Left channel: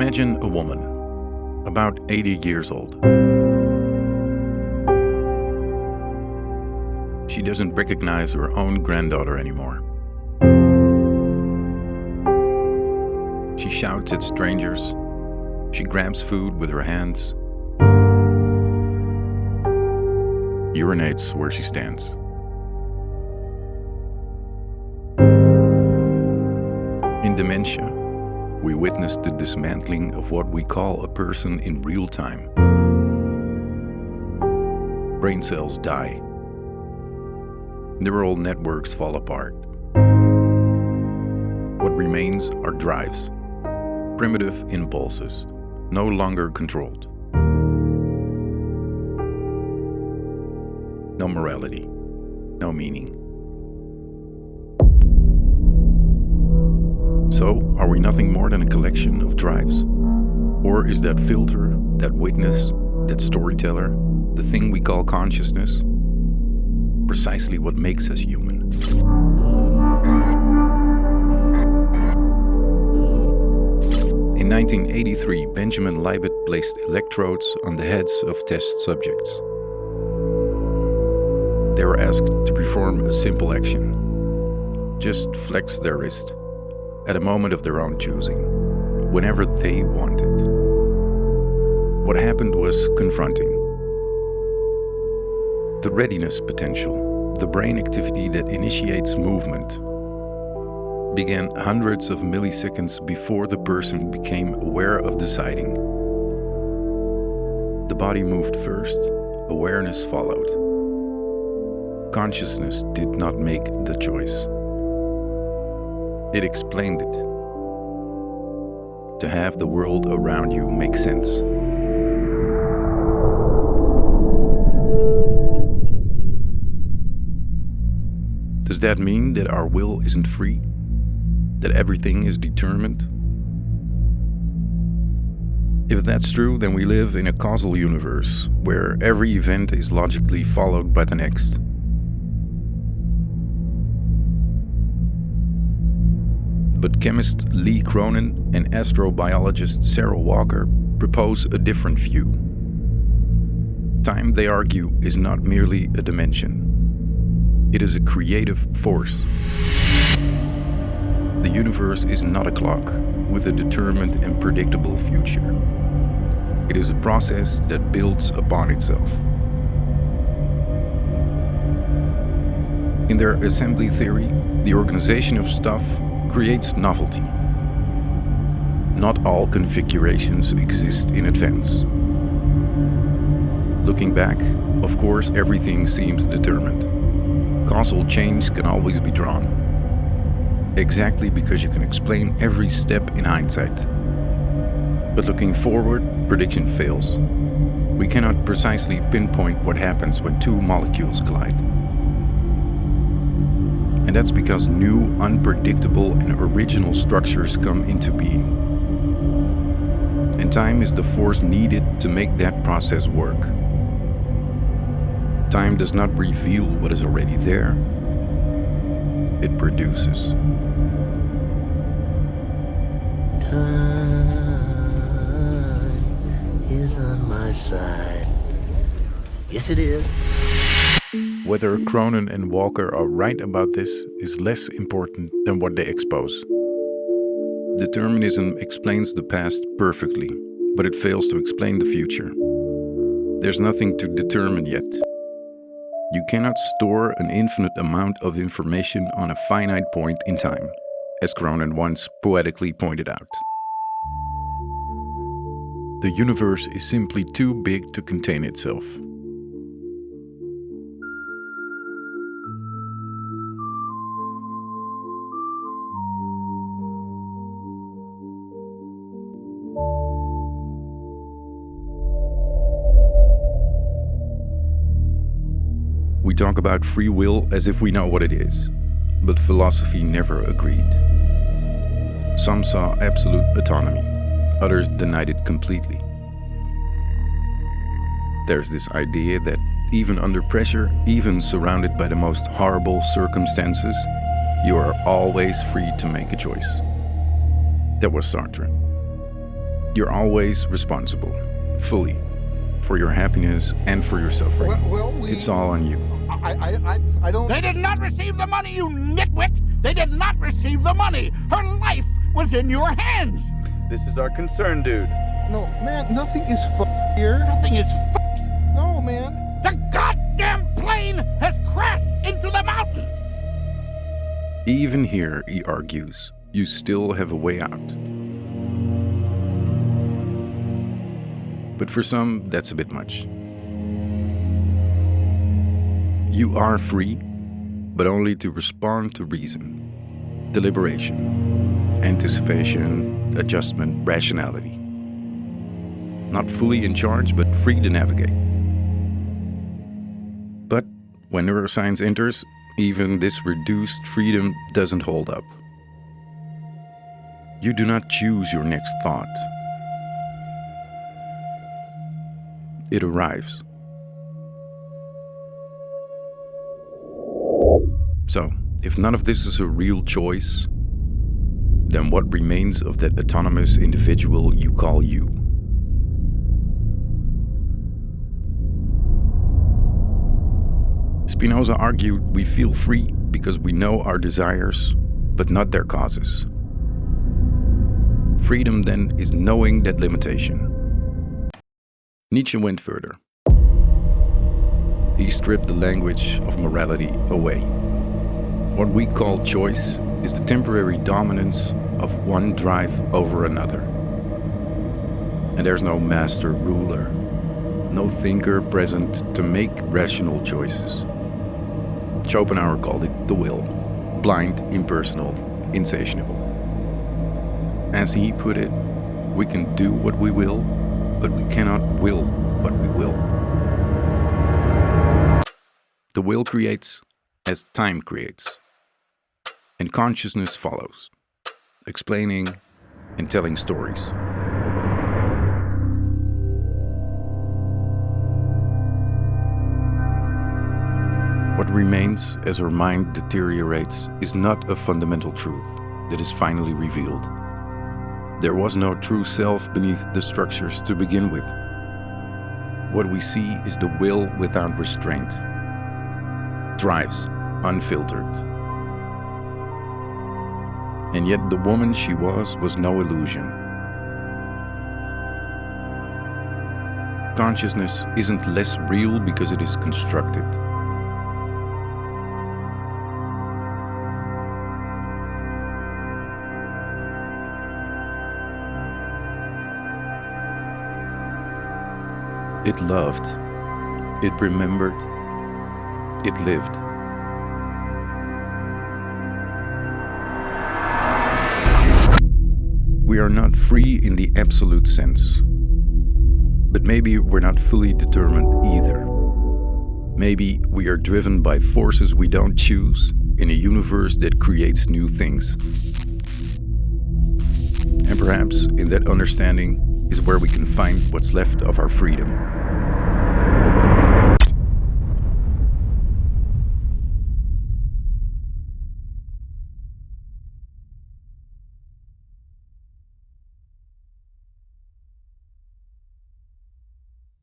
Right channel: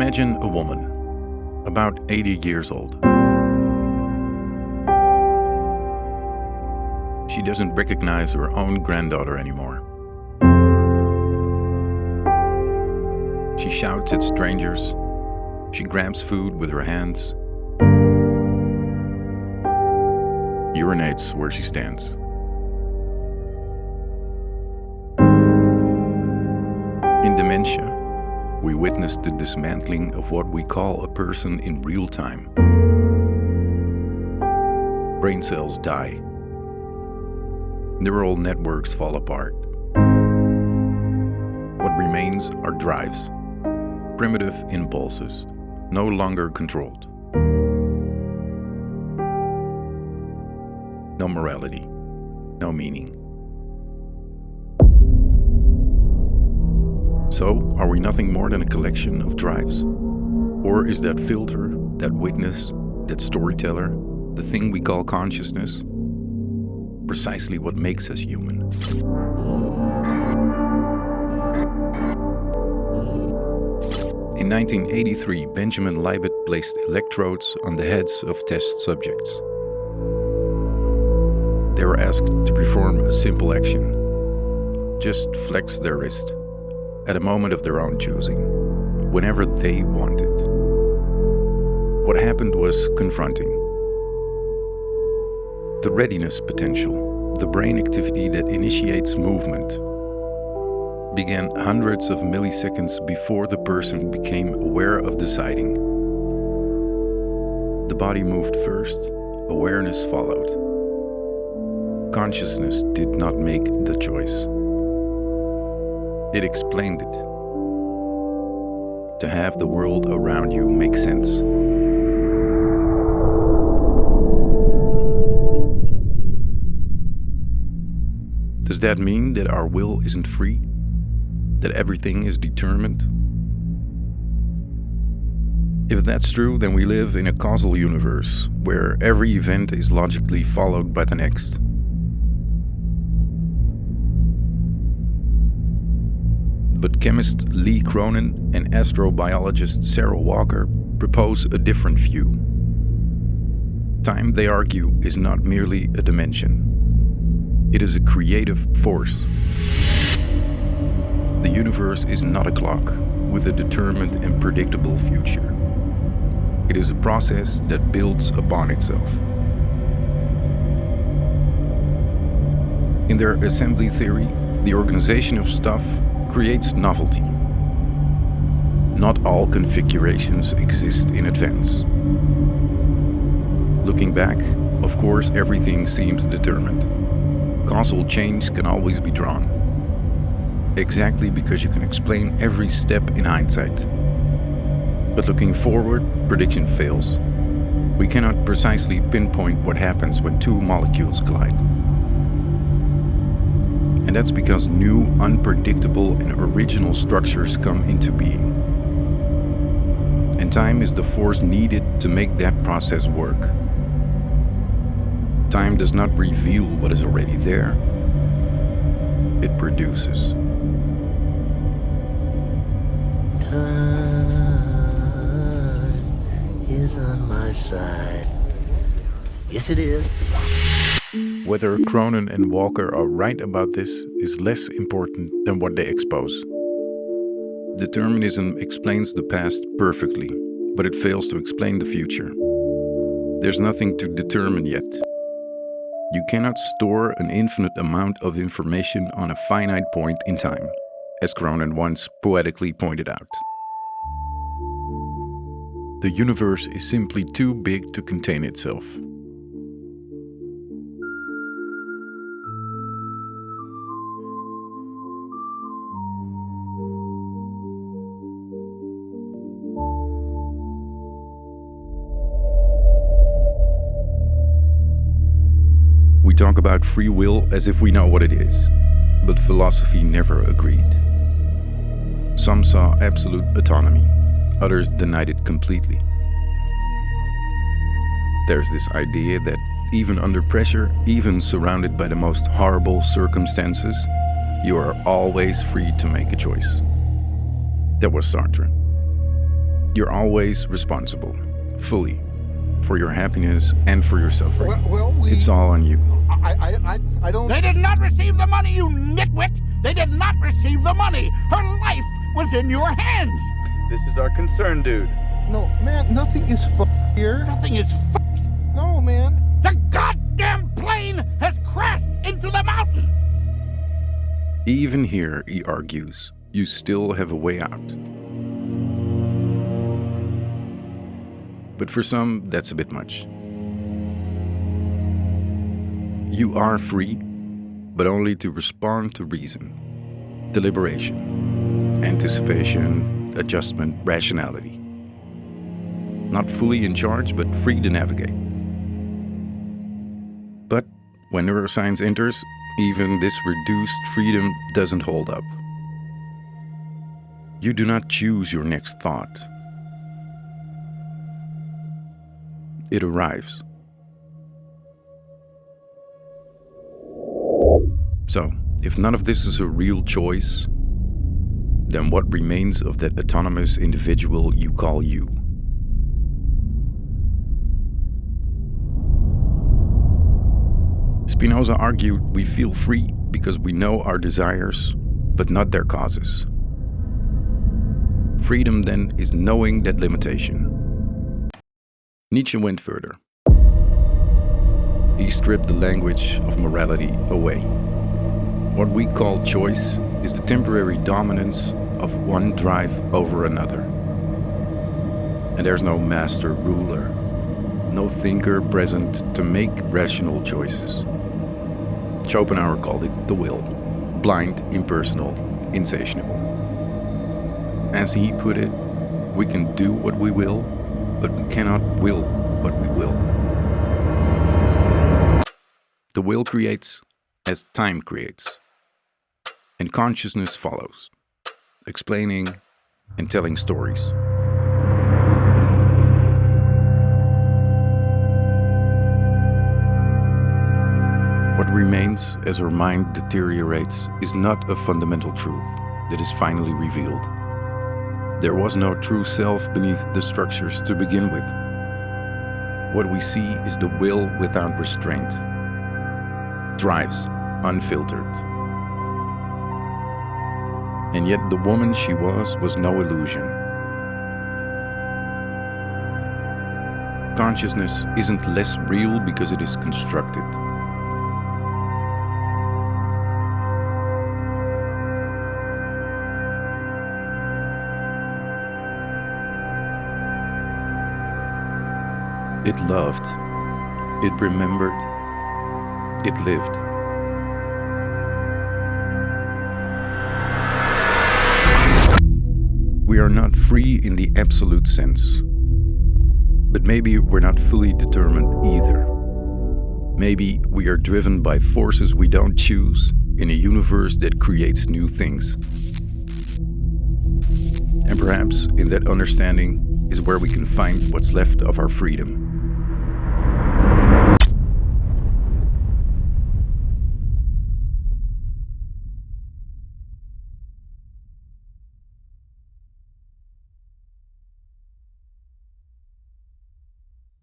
Imagine a woman, about 80 years old. She doesn't recognize her own granddaughter anymore. She shouts at strangers. She grabs food with her hands. Urinates where she stands. In dementia, we witness the dismantling of what we call a person in real time. Brain cells die. Neural networks fall apart. What remains are drives, primitive impulses, no longer controlled. No morality, no meaning. So, are we nothing more than a collection of drives? Or is that filter, that witness, that storyteller, the thing we call consciousness, precisely what makes us human? In 1983, Benjamin Libet placed electrodes on the heads of test subjects. They were asked to perform a simple action. Just flex their wrist, at a moment of their own choosing, whenever they wanted. What happened was confronting. The readiness-potential, the brain activity that initiates movement, began hundreds of milliseconds before the person became aware of deciding. The body moved first, awareness followed. Consciousness did not make the choice. It explained it. To have the world around you make sense. Does that mean that our will isn't free? That everything is determined? If that's true, then we live in a causal universe, where every event is logically followed by the next. But chemist Lee Cronin and astrobiologist Sara propose a different view. Time, they argue, is not merely a dimension. It is a creative force. The universe is not a clock with a determined and predictable future. It is a process that builds upon itself. In their assembly theory, the organization of stuff creates novelty. Not all configurations exist in advance. Looking back, of course, everything seems determined. Causal change can always be drawn. Exactly because you can explain every step in hindsight. But looking forward, prediction fails. We cannot precisely pinpoint what happens when two molecules collide. And that's because new, unpredictable, and original structures come into being. And time is the force needed to make that process work. Time does not reveal what is already there. It produces. Time is on my side. Yes, it is. Whether Cronin and Walker are right about this is less important than what they expose. Determinism explains the past perfectly, but it fails to explain the future. There's nothing to determine yet. You cannot store an infinite amount of information on a finite point in time, as Cronin once poetically pointed out. The universe is simply too big to contain itself. We talk about free will as if we know what it is, but philosophy never agreed. Some saw absolute autonomy, others denied it completely. There's this idea that even under pressure, even surrounded by the most horrible circumstances, you are always free to make a choice. That was Sartre. You're always responsible, fully, for your happiness and for your suffering. It's all on you. I don't... They did not receive the money, you nitwit! They did not receive the money! Her life was in your hands! This is our concern, dude. No, man, nothing is here. Nothing is No, man. The goddamn plane has crashed into the mountain! Even here, he argues, you still have a way out. But for some, that's a bit much. You are free, but only to respond to reason, deliberation, anticipation, adjustment, rationality. Not fully in charge, but free to navigate. But when neuroscience enters, even this reduced freedom doesn't hold up. You do not choose your next thought. It arrives. So, if none of this is a real choice, then what remains of that autonomous individual you call you? Spinoza argued we feel free because we know our desires, but not their causes. Freedom, then, is knowing that limitation. Nietzsche went further. He stripped the language of morality away. What we call choice is the temporary dominance of one drive over another. And there's no master ruler, no thinker present to make rational choices. Schopenhauer called it the will, blind, impersonal, insatiable. As he put it, we can do what we will, but we cannot will what we will. The will creates as time creates, and consciousness follows, explaining and telling stories. What remains as our mind deteriorates is not a fundamental truth that is finally revealed. There was no true self beneath the structures to begin with. What we see is the will without restraint, drives unfiltered. And yet the woman she was no illusion. Consciousness isn't less real because it is constructed. It loved, it remembered, it lived. We are not free in the absolute sense. But maybe we're not fully determined either. Maybe we are driven by forces we don't choose in a universe that creates new things. And perhaps in that understanding is where we can find what's left of our freedom.